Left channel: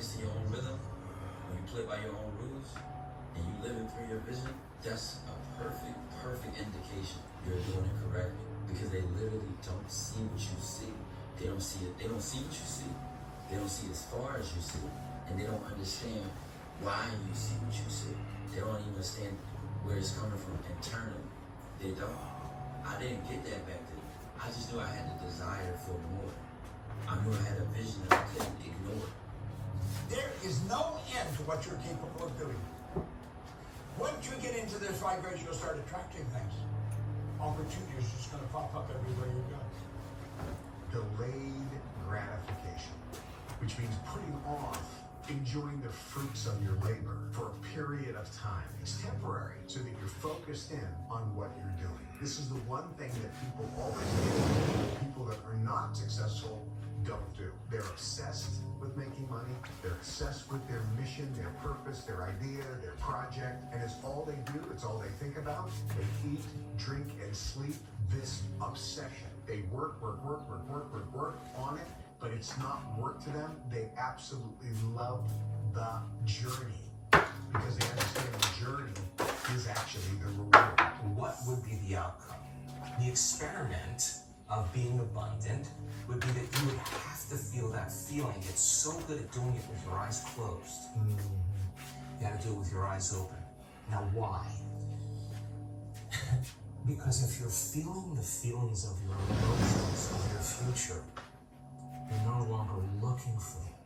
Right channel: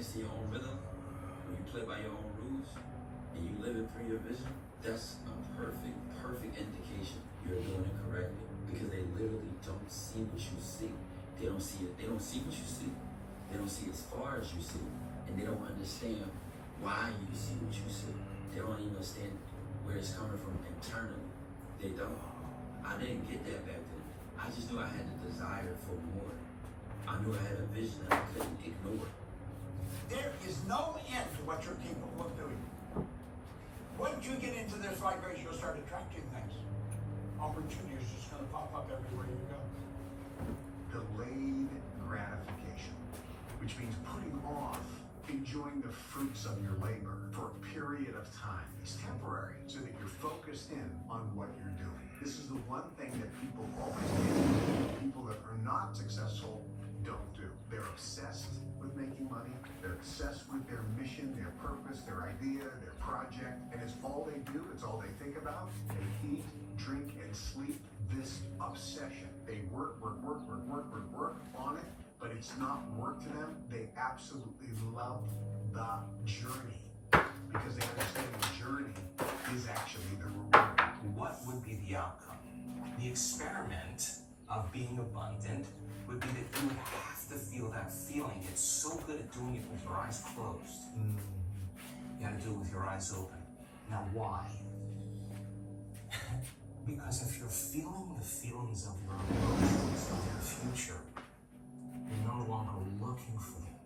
dance to your own rhythm, when you play by your own rules, and you live it through your vision, that's a perfect indication you're doing it correctly. Because they literally don't see what you see. They don't see it. They don't see what you see. They don't see as far as you see. And they don't understand why you see what you see. They don't even understand where it's coming from internally. They don't. I didn't get that back then. I just knew I had the desire for more. I knew I had a vision that I couldn't ignore. There is no end to what you're capable of doing. Once you get into this vibration, you'll start attracting things. Opportunity is just going to pop up everywhere you go. Delayed gratification, which means putting off enjoying the fruits of your labor for a period of time. It's temporary, so that you're focused in on what you're doing. This is the one thing that people always do. People that are not successful don't do. They're obsessed with making money. They're obsessed with their mission, their purpose, their idea, their project, and it's all they do. It's all they think about. They eat, drink, and sleep this obsession. They work on it, but it's not work to them. They absolutely love the journey because they understand the journey is actually the reward. What would be the outcome? The experiment of being abundant would be that you would have to feel that feeling. It's so good at doing it with your eyes closed. You gotta do it with your eyes open. Now why? Because if you're feeling the feelings of your emotions, of your future, you're no longer looking for them.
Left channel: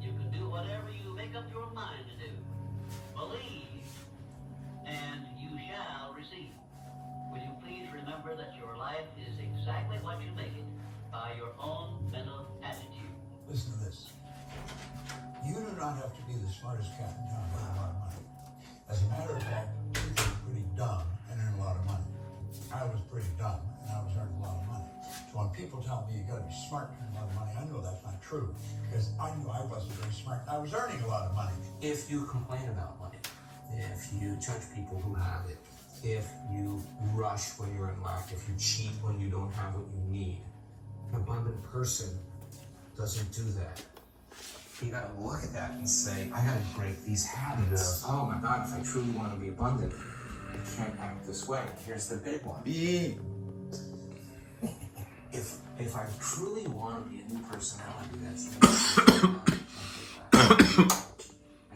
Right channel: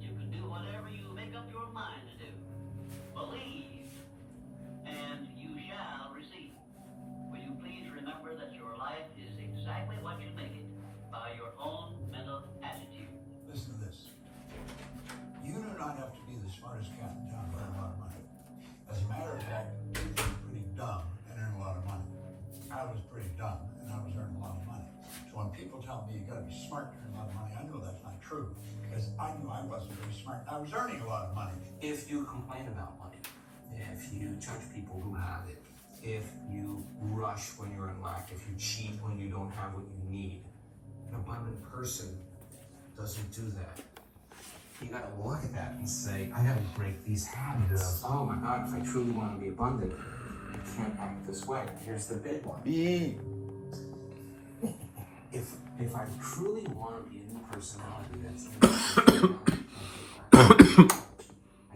You can do whatever you make up your mind to do. Believe, and you shall receive. Will you please remember that your life is exactly what you make it by your own mental attitude. Listen to this. You do not have to be the smartest cat in town to earn a lot of money. As a matter of fact, you're pretty dumb and earn a lot of money. I was pretty dumb and I was earning a lot of money. So when people tell me you got to be smart to earn a lot of money, I know that's not true because I knew I wasn't very smart. I was earning a lot of money. If you complain about money, if you judge people who have it, if you rush when you're in lack, if you cheat when you don't have what you need, an abundant person doesn't do that. You gotta look at that and say, I gotta break these habits. Yeah. Oh my God, if I truly want to be abundant, I can't act this way. Here's the big one. If I truly want to be a new personality, that's I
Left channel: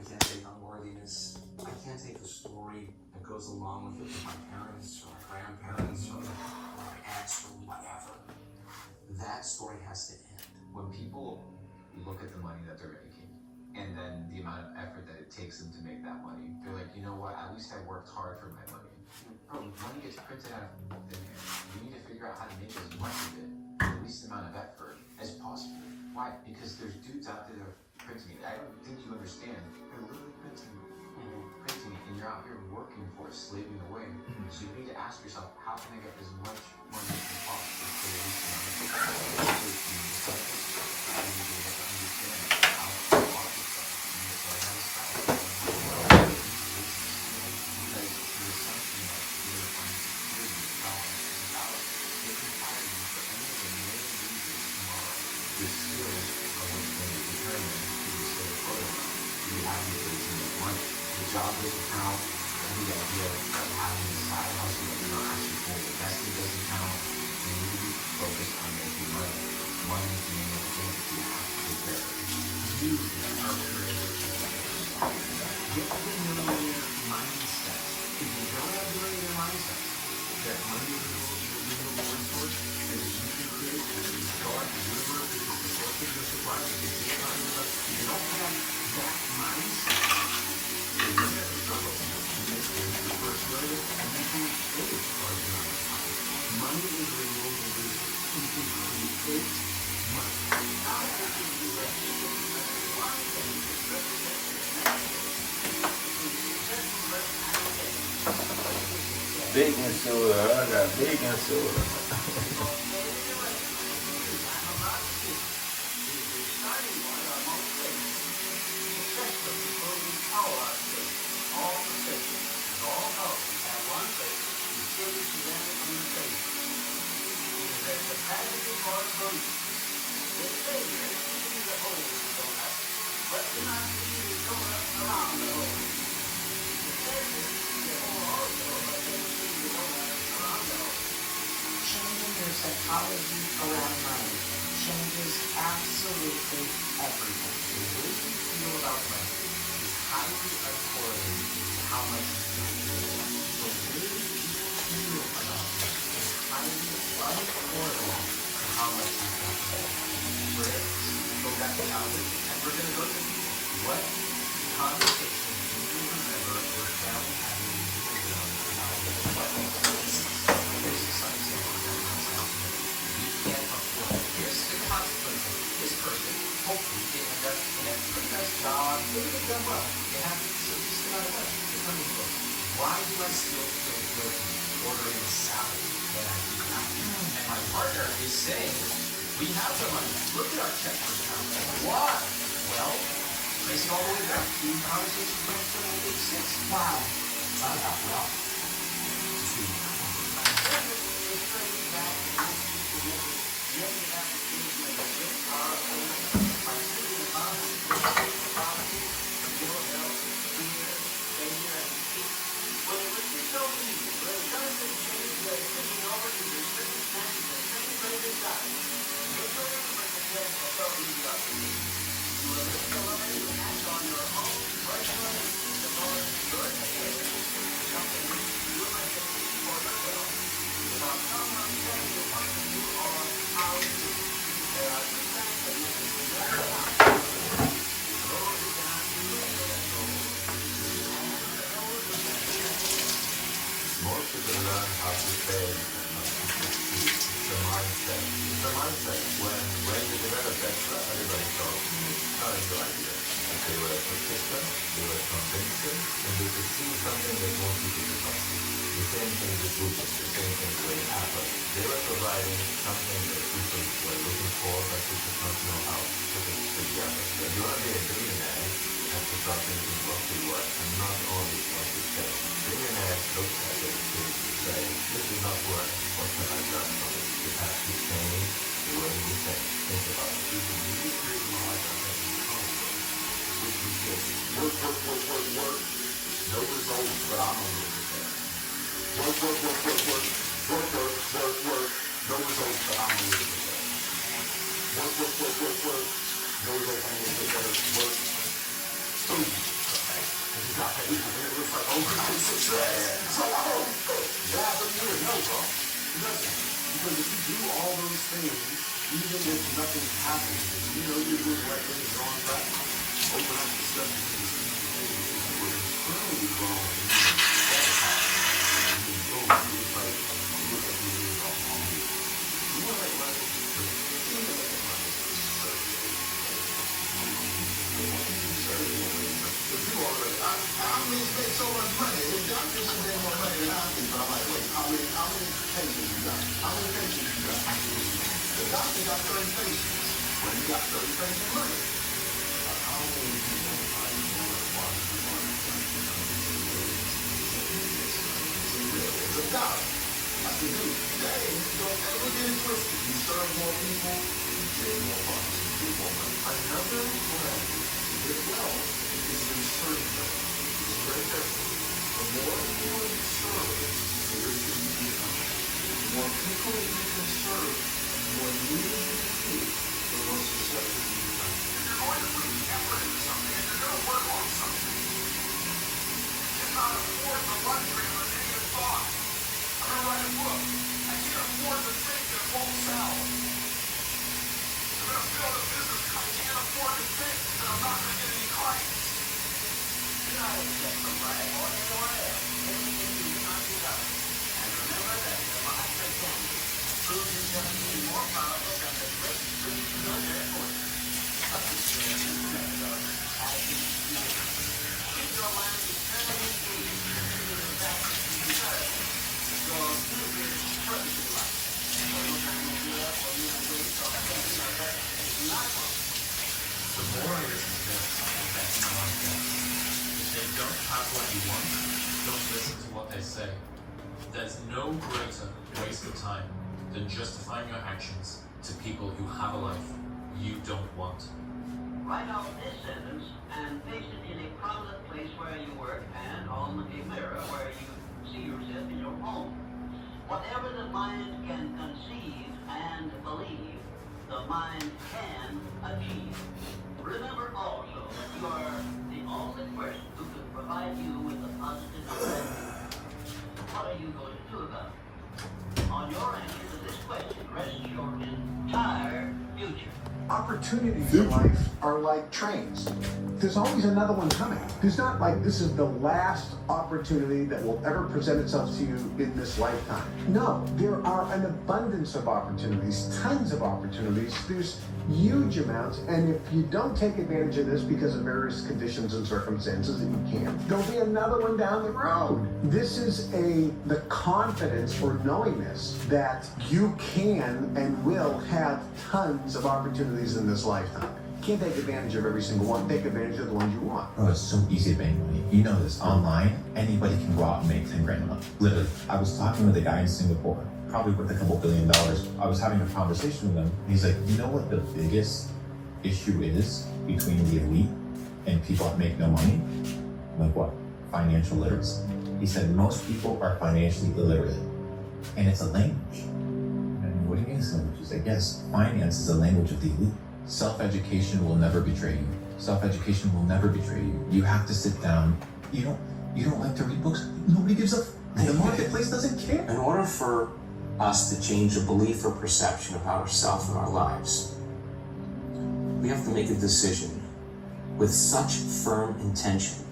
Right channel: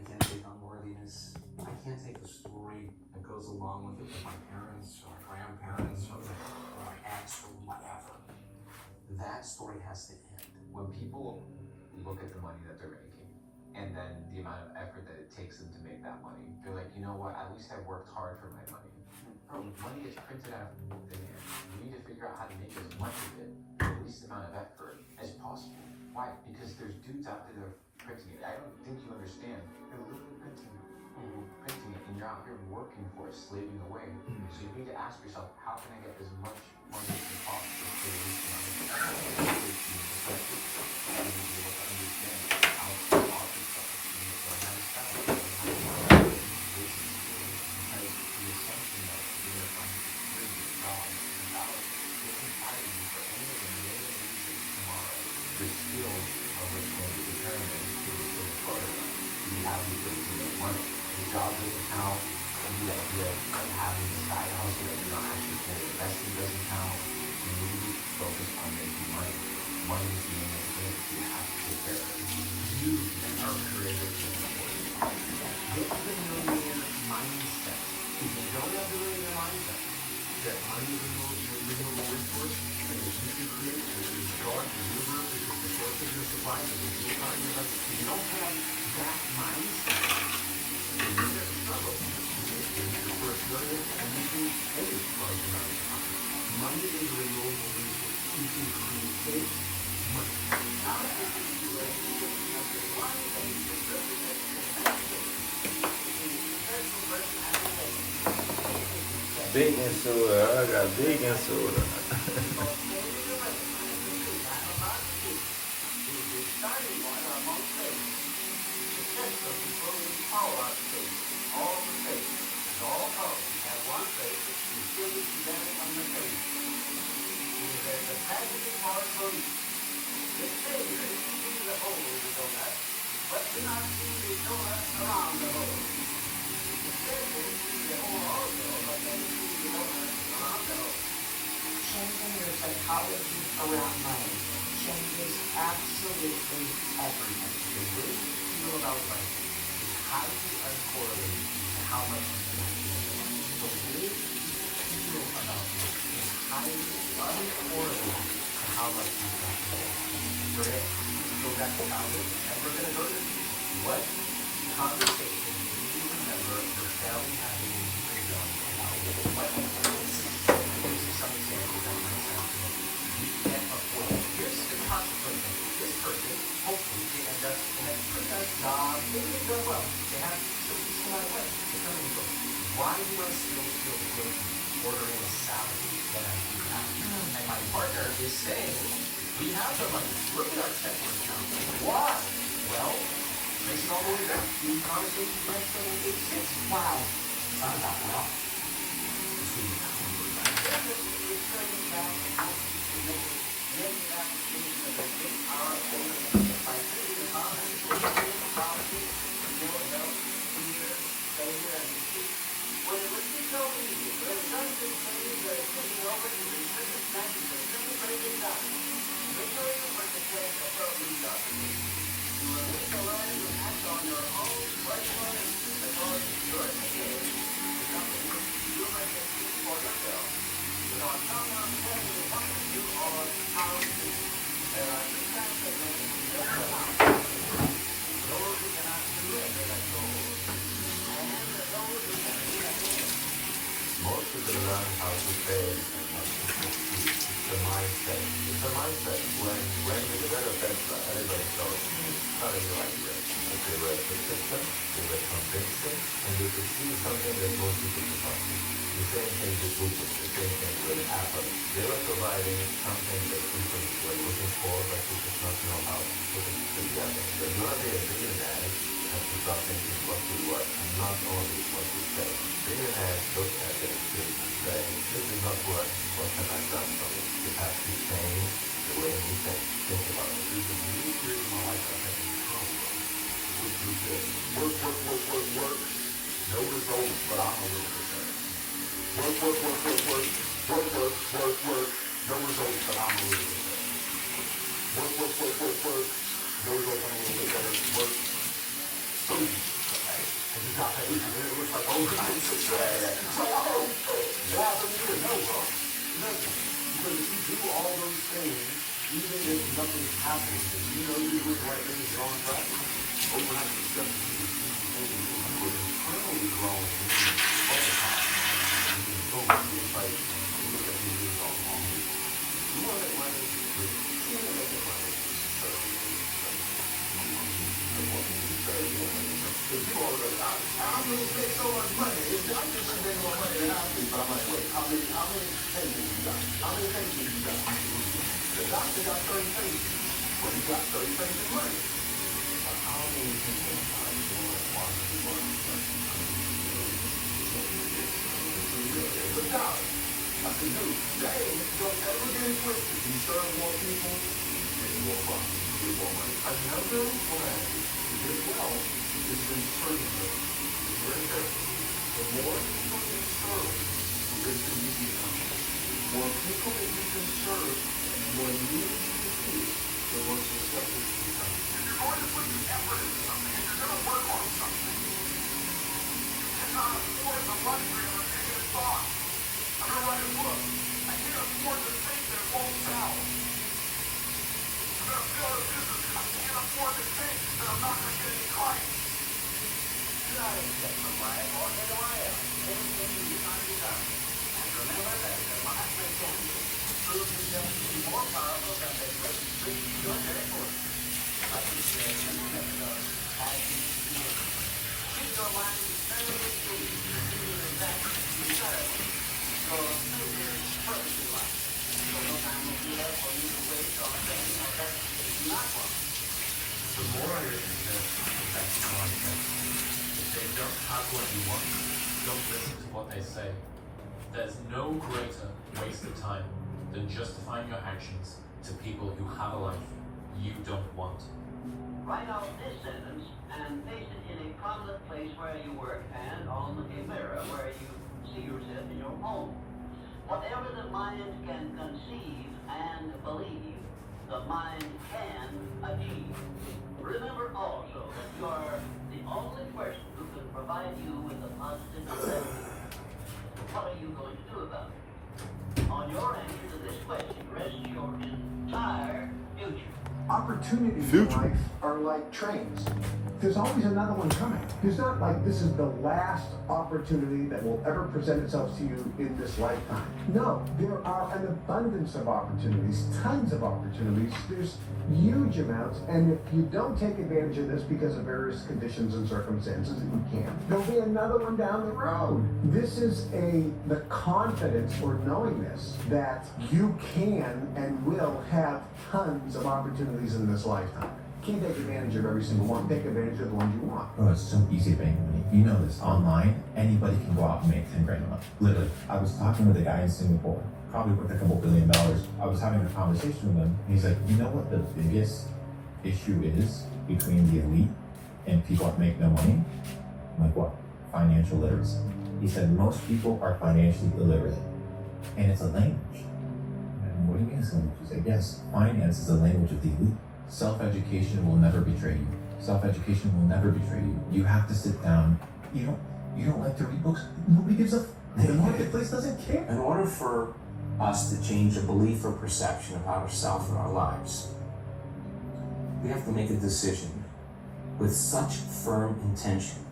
can't take unworthiness. I can't take the story that goes along with it with my parents or my grandparents or my ex or whatever. That story has to end. When people look at the money that they're making and then the amount of effort that it takes them to make that money, they're like, you know what, at least I worked hard for my money. Bro, money gets printed out of thin air. You need to figure out how to make as much of it with the least amount of effort as possible. Why? Because there's dudes out there that are printing it. I don't think you understand. They're literally printing it, and you're out here working for it, slaving away. So you need to ask yourself, how can I get as much money as possible for the least amount of effort? I need to be able to understand how to market yourself. You need to learn how to sell. Because the assumption that you're going to find security in dollars and dollars isn't hiring you for any of the million reasons tomorrow. Your skills are what's going to determine if you're still a photo. Do you have the ability to make money? Your job doesn't count. The idea of having a side hustle that you're not actually fully invested doesn't count. You need to be focused on making money. Money is the name of the game that you have to take care of. You are creative. Get like a millionaire mindset. If you don't have the millionaire mindset, that money is a reward source, and that you can create, and that is God, the universe, is the source of your supply, and if you don't have that mindset, then you're going to struggle. Your first million, and you can make a large amount of money. Money is a renewable resource. You can create money. Baking soda, I got baking soda. But psychology around money changes absolutely everything. The way you feel about money is highly uncorrelated to how much you spend. The way you feel about money is highly uncorrelated to how much you spend. We're going to go back to childhood, and we're going to go to the future. What conversation do you remember your family having when you were young about what places? Here's some examples that might sound familiar. You get a point. Here's the consequence of it. This person, hopefully, they end up in a pretty nice job. Maybe they've done well. They have some decent amount of money. They're coming and going. Why do I still feel guilty ordering a salad when I do that? And my partner is saying, we have the money. Look at our checking account. Why? Well, trace it all the way back. The conversation went from age 6. Wow. Found out well. It's tracing back to negative application of the rich power of ownership by sitting the comments, property, ill health, fear, failure, and defeat. When it was disobedient, when it doesn't change the taking over to the circumstances of celebrated time, victory was the test of what we got to do. You will need to learn to act on your own personal needs because your today is something which you must achieve for yourself. Without someone telling you what to do or how to do it. There are two kinds of men who never amount. Those who cannot do as they are told, and those who can do as they are. Most people learn how to fail and not to succeed. It's a mindset. It's a mindset. When you develop Tesla, everybody thought it's not a new idea. But they were persistent, they were convincing, and they could see something that most people could not see. The same thing with Google, the same thing with Apple. They were providing something that people were looking for, but they did not know how to put it together. So if you want to be a billionaire, you have to start thinking what you want, and not only what you say. Billionaires look at it and say, this is not work, what have I done from it? You have to change the way you think about it. There's a new period of my life that I had in college, which was this. Work. No results, but I'm a little bit better. Work. No results, but I'm a little bit better. Work. No results, I'm a little bit better. Work. Boom. Okay. And you got that. It was like overnight success. So, yeah, but you didn't know, bro. It doesn't. Because if you do all those things, even if nothing happens, if you know you're doing the right things, you're on track, overnight success is we're internally growing all the time. You can go through it like you look at the news all along. You want to make money, but you want to make it money. So do all of it. I really make so much money. I'm just making more money than I think, but I'm like, wait, how many patients you got? How many patients you got? The doctor got 30 patients. Well, you got 30 patients money. How many people are you going to want to do money? It's a dollar. I said, dude, dang, don't ever get it twisted. You serve more people, you get more money. Another way to get wealth is to serve them. It's very important. The more people you serve, the richer you become. The more people that you can serve, and the more needs you can feed, the more successful you become. If you're going to put effort into something, and you're going to work on something, you cannot afford the luxury of a negative thought. I'm going to write a book. I can't afford to think that it won't sell. I'm going to build a business. I can't afford to think that I'm not going to get any clients. You're not exempt from life or anyone else. Anything you do not give up. And remember that the Mahatma Gandhi proved himself to be more powerful than the great British military force. But he shares the method of passion and feeling. Keep your mind eternally engaged in the pursuit of that desirable. Your future is purpose in life. So no time will be left for you to waste on thinking of that you do not want. The more I listen to this, the better I get. If they don't have what you want, don't listen to what they say. There's no greater waste of time than justifying your actions to people who have a life you don't want. Write out this sentence and paste it in a prominent place where you work and on a mirror where you see yourself in your home. Whatever the mind can conceive and believe, the mind can achieve. Remember also that you are the only person who can provide you with a positive perspective. What are you going to do about it? On your answer to this question rests your entire future. Opportunities in life are like trains. There's always another one coming. There's not like this is the last opportunity that will ever present itself to you in this lifetime. No, there are an abundance of opportunities, tons of opportunities. There's huge amounts, and if you don't take advantage of this because of various conditions and circumstances, and you can't, there'll be another one down the road. This is the confidence for knowing this, that you can and will have tons of opportunities in this lifetime. Can't take advantage of every single one. Take advantage of the ones you want. Bro, it's so easy to make money. You know this. Online, anybody can go out and make 10 grand a month. Literally. I was talking with a guy in Singapore, probably worth a couple $1 billion. I was having a conversation with him. And he's like, you know what the biggest issue is between the elite and people that make no money? I'm like, what? Financial literacy. He said, most people are financially illiterate. And it's a language. And what do you mean it's a language? He's like, yes, finance is a language of the elite. Self-education will never betray you. Self-education will never betray you. You have to sit down. You don't like to read books? Nobody gives a the marketplace doesn't care. In order for us to change a belief or perception about ourselves and our lives, we have to make a decision with such firm intention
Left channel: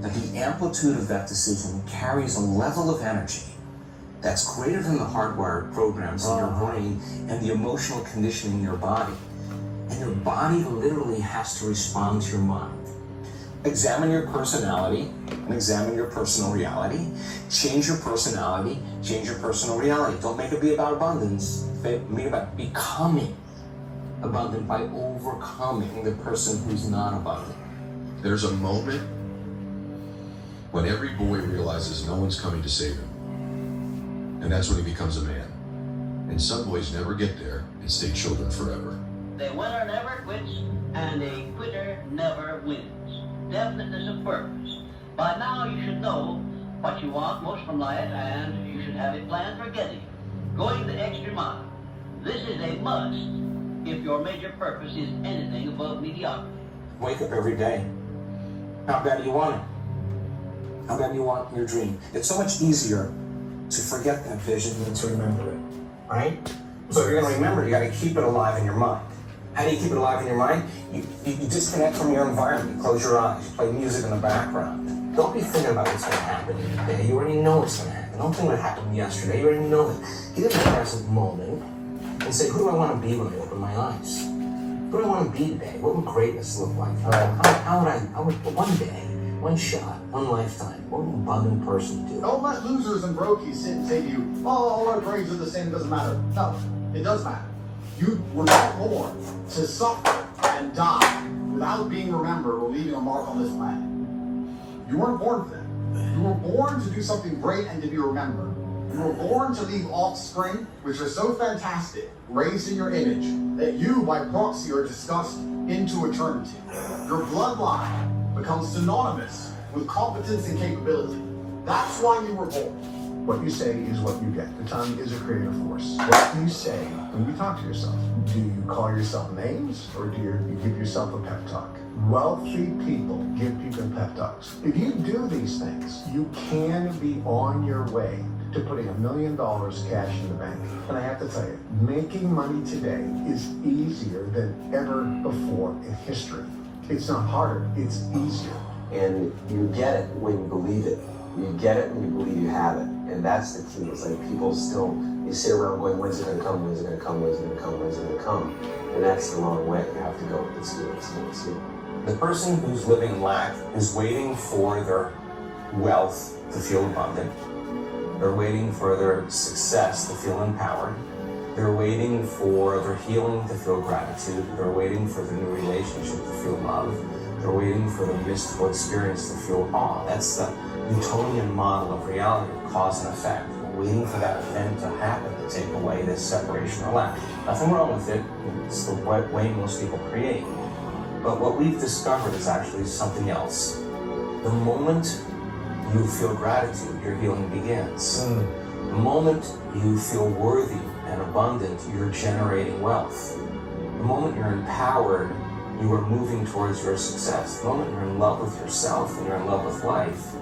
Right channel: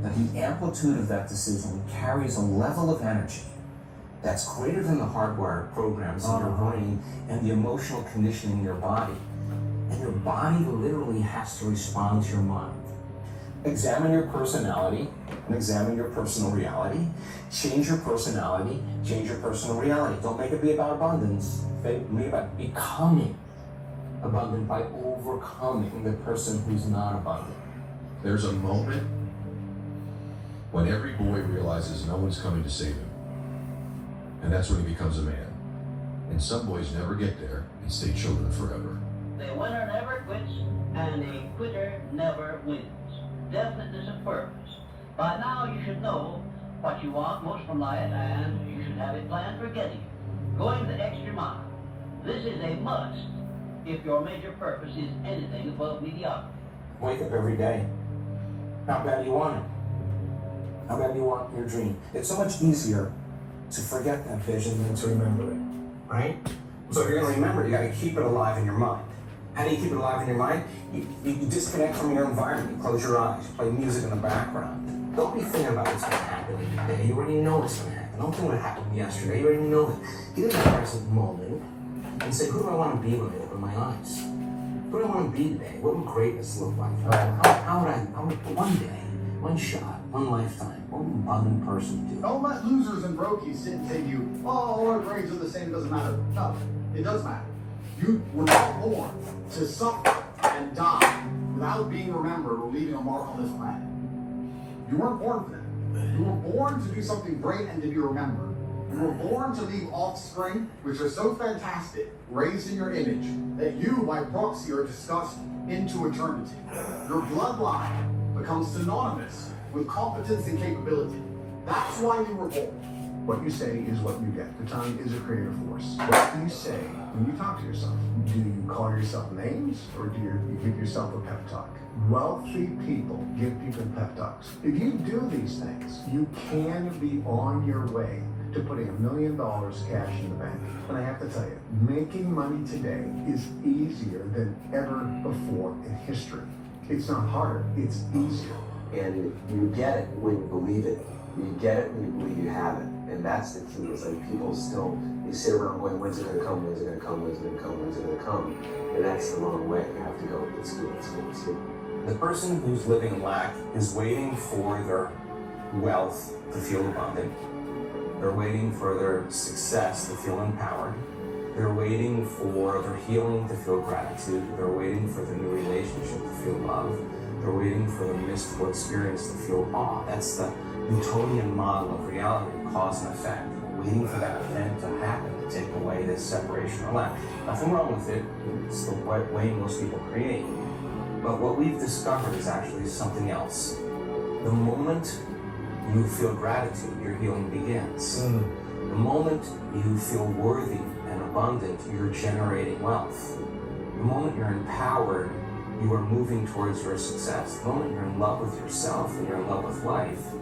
that the amplitude of that decision carries a level of energy that's greater than the hardwired programs in your brain and the emotional conditioning in your body. And your body literally has to respond to your mind. Examine your personality and examine your personal reality. Change your personality, change your personal reality. Don't make it be about abundance. Make it about becoming abundant by overcoming the person who's not abundant. There's a moment when every boy realizes no one's coming to save him. And that's when he becomes a man. And some boys never get there and stay children forever. The winner never quits, and a quitter never wins. Definiteness of purpose. By now you should know what you want most from life, and you should have a plan for getting it. Going the extra mile. This is a must if your major purpose is anything above mediocrity. Wake up every day. How bad do you want it? How bad do you want your dream? It's so much easier to forget that vision than to remember it, right? So if you're gonna remember, you gotta keep it alive in your mind. How do you keep it alive in your mind? You disconnect from your environment, you close your eyes, you play music in the background. Don't be thinking about what's gonna happen today. You already know what's gonna happen. Don't think what happened yesterday, you already know it. Get in the present moment and say, who do I wanna be when I open my eyes? Who do I wanna be today? What would greatness look like? How would one day, one shot, one lifetime, what would an abundant person do? Don't let losers and brokies sit and say to you, oh, all our brains are the same, it doesn't matter. No, it does matter. You were not born to suffer and die without being remembered or leaving a mark on this planet. You weren't born for that. You were born to do something great and to be remembered. You were born to leave offspring, which are so fantastic, raised in your image, that you, by proxy, are discussed into eternity. Your bloodline becomes synonymous with competence and capability. That's why you were born. What you say is what you get. The tongue is a creative force. What do you say when you talk to yourself? Do you call yourself names, or do you give yourself a pep talk? Wealthy people give people pep talks. If you do these things, you can be on your way to putting $1 million cash in the bank. And I have to tell you, making money today is easier than ever before in history. It's not harder, it's easier. And you get it when you believe it. You get it when you believe you have it. And that's the key. It's like people still, you sit around going, when's it gonna come, when's it gonna come, when's it gonna come, when's it gonna come? And that's the wrong way. You have to go, let's do it, let's do it, let's do it. The person who's living in lack is waiting for their wealth to feel abundant. They're waiting for their success to feel empowered. They're waiting for their healing to feel gratitude. They're waiting for the new relationship to feel love. They're waiting for the mystical experience to feel awe. That's the Newtonian model of reality, cause and effect. We're waiting for that event to happen to take away this separation or lack. Nothing wrong with it. It's the way most people create. But what we've discovered is actually something else. The moment you feel gratitude, your healing begins. The moment you feel worthy and abundant, you're generating wealth. The moment you're empowered, you are moving towards your success. The moment you're in love with yourself and you're in love with life,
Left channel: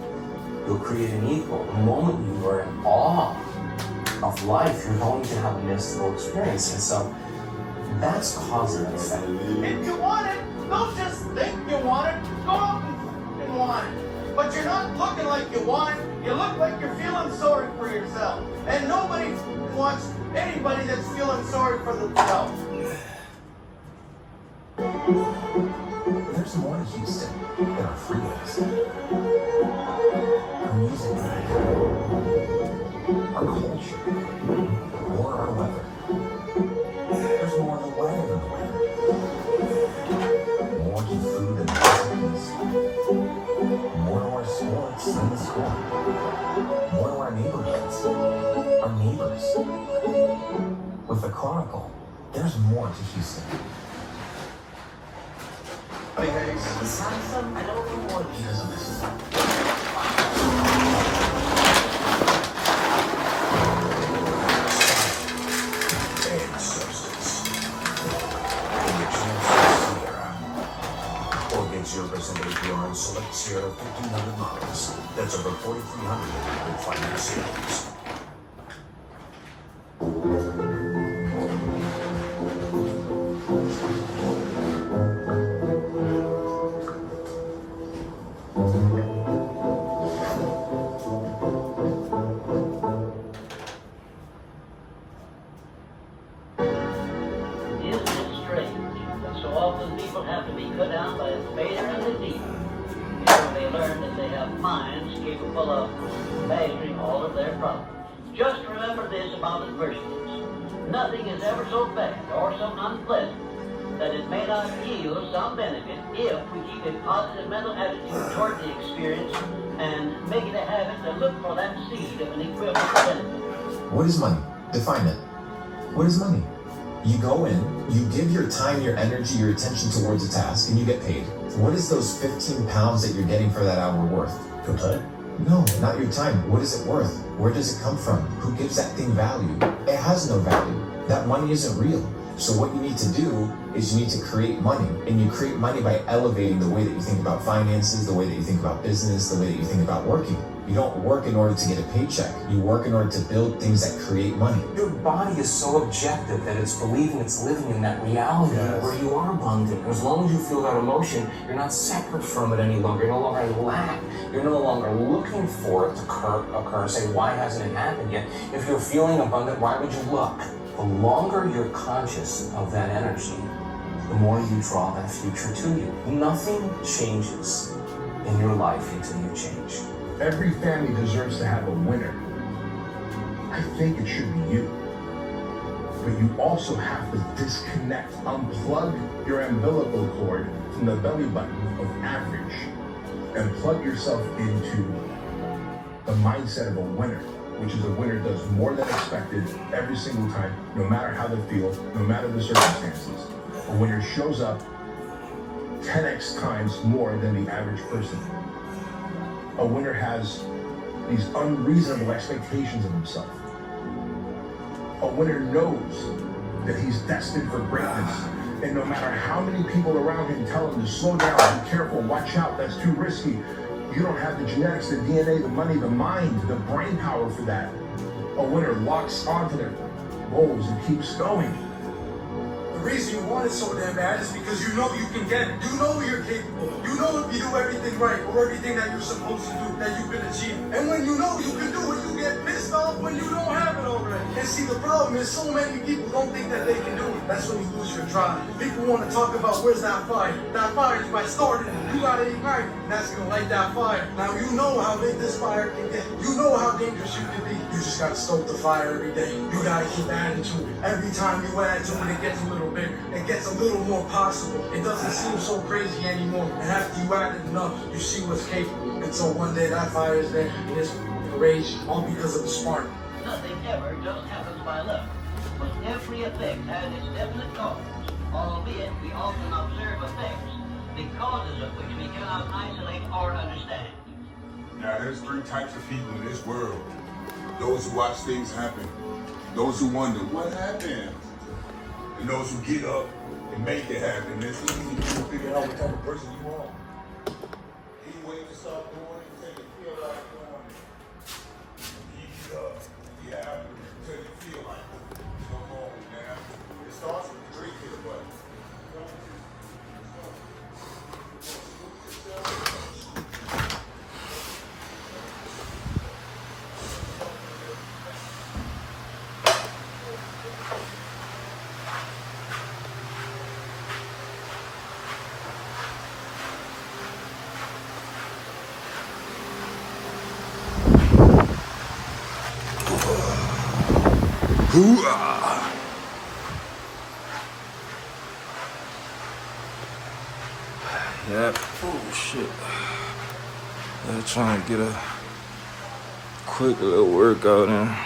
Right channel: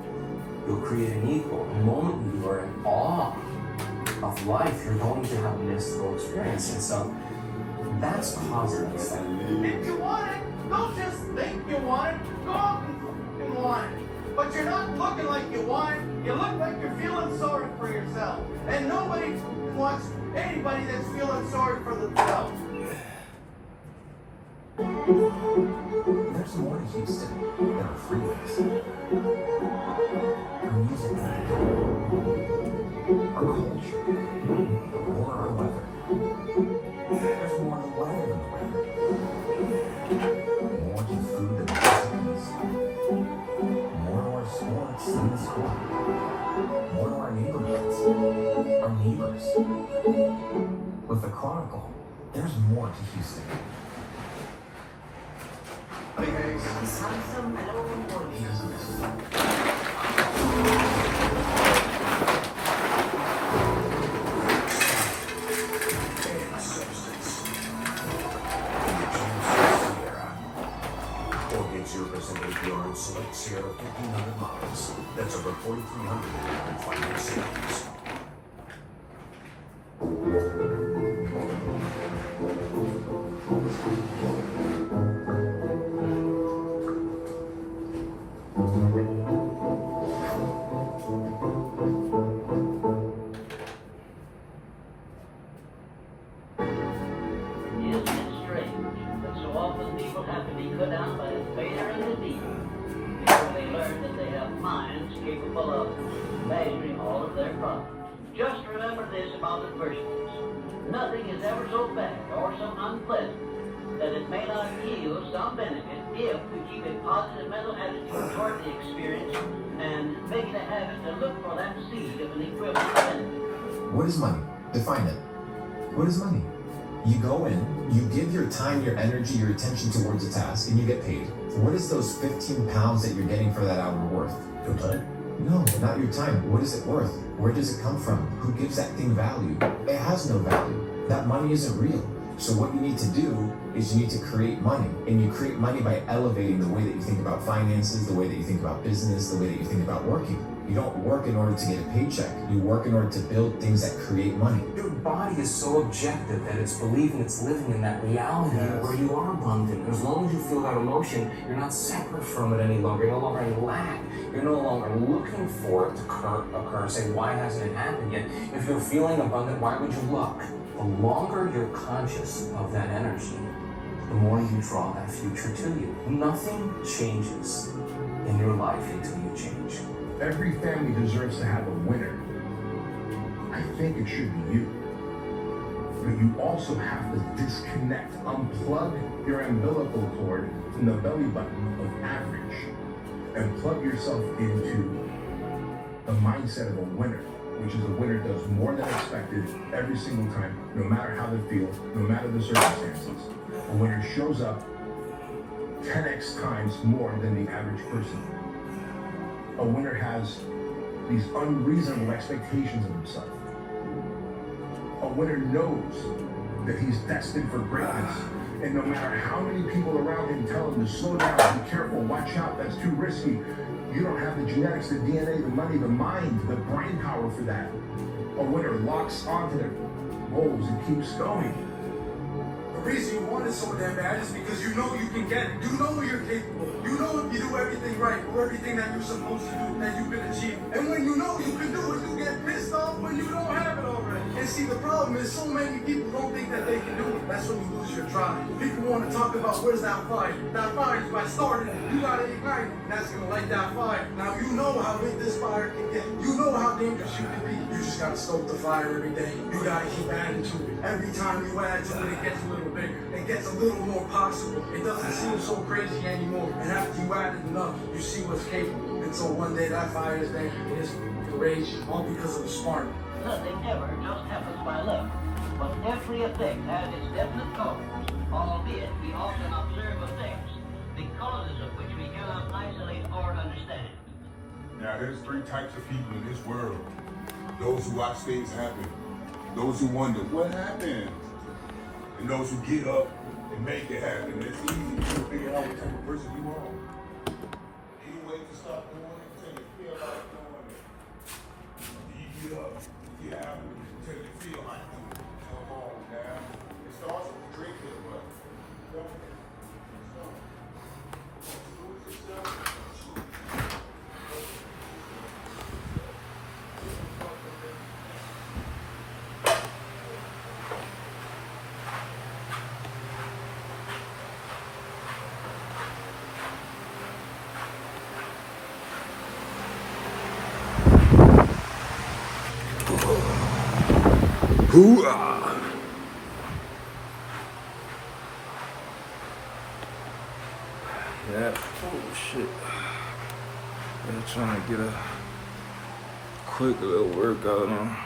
you'll create an equal. The moment you are in awe of life, you're going to have a mystical experience. And so that's cause and effect. If you want it, don't just think you want it. Go out and want it. But you're not looking like you want it. You look like you're feeling sorry for yourself. And nobody wants anybody that's feeling sorry for themselves. There's more to Houston than our freeways. Our music, our culture, or our weather. There's more to the weather than the weather. More to food and recipes. More to our sports than the sport. More to our neighborhoods, our neighbors. With the Chronicle, there's more to Houston. He doesn't listen. Colgate 0% APR and select Sierra 1,500 miles. That's over 4,300 in finance savings. Isn't it strange that so often people have to be cut down by a failure and a deep? They learn that they have minds capable of measuring all of their problems. Just remember this about adversities. Nothing is ever so bad or so unpleasant that it may not yield some benefit if we keep a positive mental attitude toward the experience and make it a habit to look for that seed of an equivalent benefit. What is money? Define it. What is money? You go in, you give your time, your energy, your attention towards a task, and you get paid. What is those 15 pounds that you're getting for that hour worth? Your time? No, not your time. What is it worth? Where does it come from? Who gives that thing value? It has no value. That money isn't real. So what you need to do is you need to create money. And you create money by elevating the way that you think about finances, the way that you think about business, the way that you think about working. You don't work in order to get a paycheck. You work in order to build things that create money. Your body is so objective that it's believing it's living in that reality where you are abundant. As long as you feel that emotion, you're not separate from it any longer. You're no longer in lack. You're no longer looking for it to occur. Say, why hasn't it happened yet? If you're feeling abundant, why would you look? The longer you're conscious of that energy, the more you draw that future to you. Nothing changes in your life until you change. Every family deserves to have a winner. I think it should be you. But you also have to disconnect, unplug your umbilical cord from the belly button of average and plug yourself into the mindset of a winner, which is a winner does more than expected every single time, no matter how they feel, no matter the circumstances. A winner shows up 10x times more than the average person. A winner has these unreasonable expectations of himself. A winner knows that he's destined for greatness. And no matter how many people around him tell him to slow down, be careful, watch out, that's too risky, you don't have the genetics, the DNA, the money, the mind, the brain power for that. A winner locks onto their goals and keeps going. The reason you want it so damn bad is because you know you can get it. You know you're capable. You know if you do everything right or everything that you're supposed to do, that you can achieve. And when you know you can do it, you get pissed off when you don't have it already. And see, the problem is so many people don't think that they can do it. That's when you lose your drive. People want to talk about where's that fire. That fire is by starting it. You gotta ignite it. And that's gonna light that fire. Now you know how big this fire can get. You know how dangerous you can be. You just gotta stoke the fire every day. You gotta keep adding to it. Every time you add to it, it gets a little bigger. It gets a little more possible. It doesn't seem so crazy anymore. And after you add it enough, you see what's capable. Until one day that fire is there and it's rage all because of the spark. Nothing ever just happens by luck, but every effect has its definite cause, albeit we often observe effects, the causes of which we cannot isolate or understand. Now, there's three types of people in this world. Those who watch things happen. Those who wonder what happened. And those who get up and make it happen. It's easy to figure out what type of person you are. Any way to stop doing it until you feel like doing it. You get up, you have it until you feel like doing it. Come on now. It starts with drinking, but yeah. Oh shit. I'm trying to get a quick little workout in.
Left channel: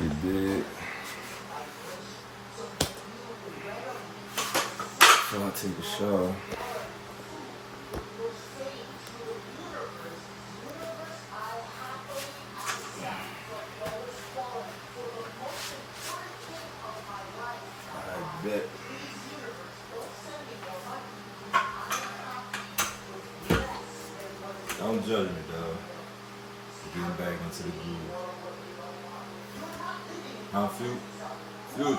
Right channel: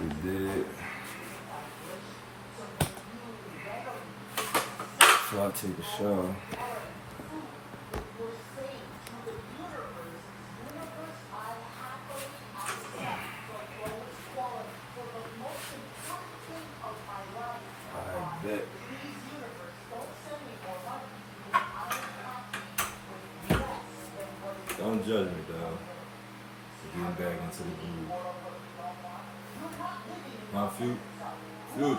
You did. Before I take a shower. I bet. Don't judge me, dog. Getting back into the groove. Now, Future.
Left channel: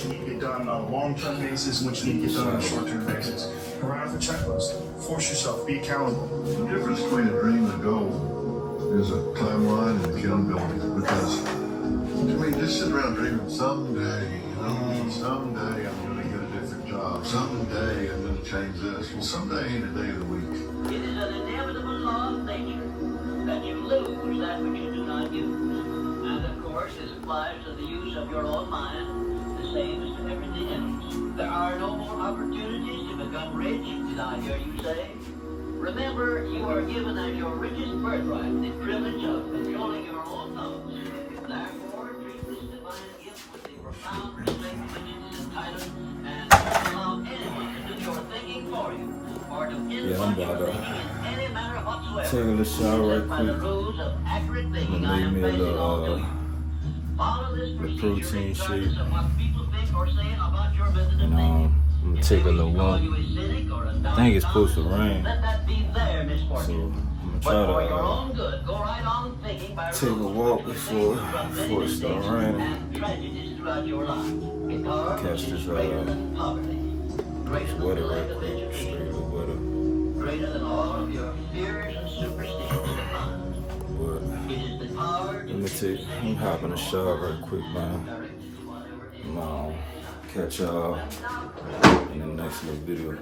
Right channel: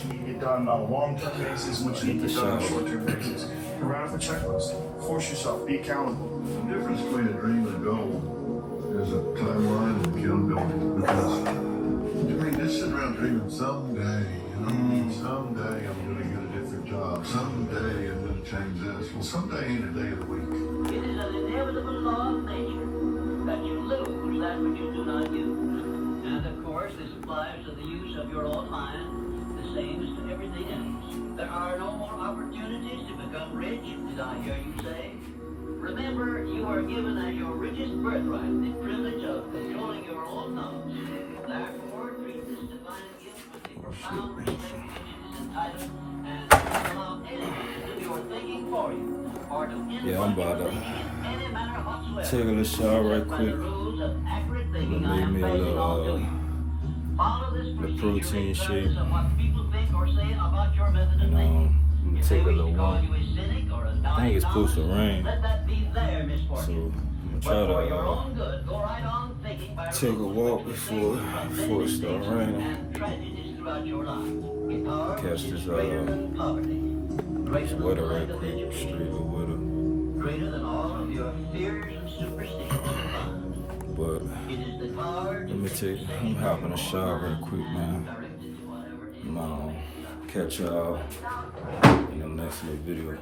what you need to get done on a long-term basis, and what you need to get done on a short-term basis. And write off a checklist. Force yourself. Be accountable. The difference between a dream and a goal is a timeline and accountability. Because to me, just sit around dreaming someday, someday I'm going to get a different job. Someday I'm going to change this. Well, someday ain't a day of the week. It is an inevitable law of nature that you lose that which you do not use. And of course, this applies to the use of your own mind, the same as to everything else. There are no more opportunities to become rich, did I hear you say? Remember, you are given as your richest birthright the privilege of controlling your own thoughts. Therefore, treat this divine gift with the profound respect which it is entitled, and don't allow anyone to do your thinking for you, or to Yeah, I'm about to any manner whatsoever. take a little shower right quick. I'm gonna make me a little protein shake. And I'm gonna take a little walk. I think it's supposed to rain. So I'm gonna try to take a walk before it starts raining. Catch this weather right quick, straight the weather. But I'm hopping a shower right quick, man. I'm catch y'all in the next little video.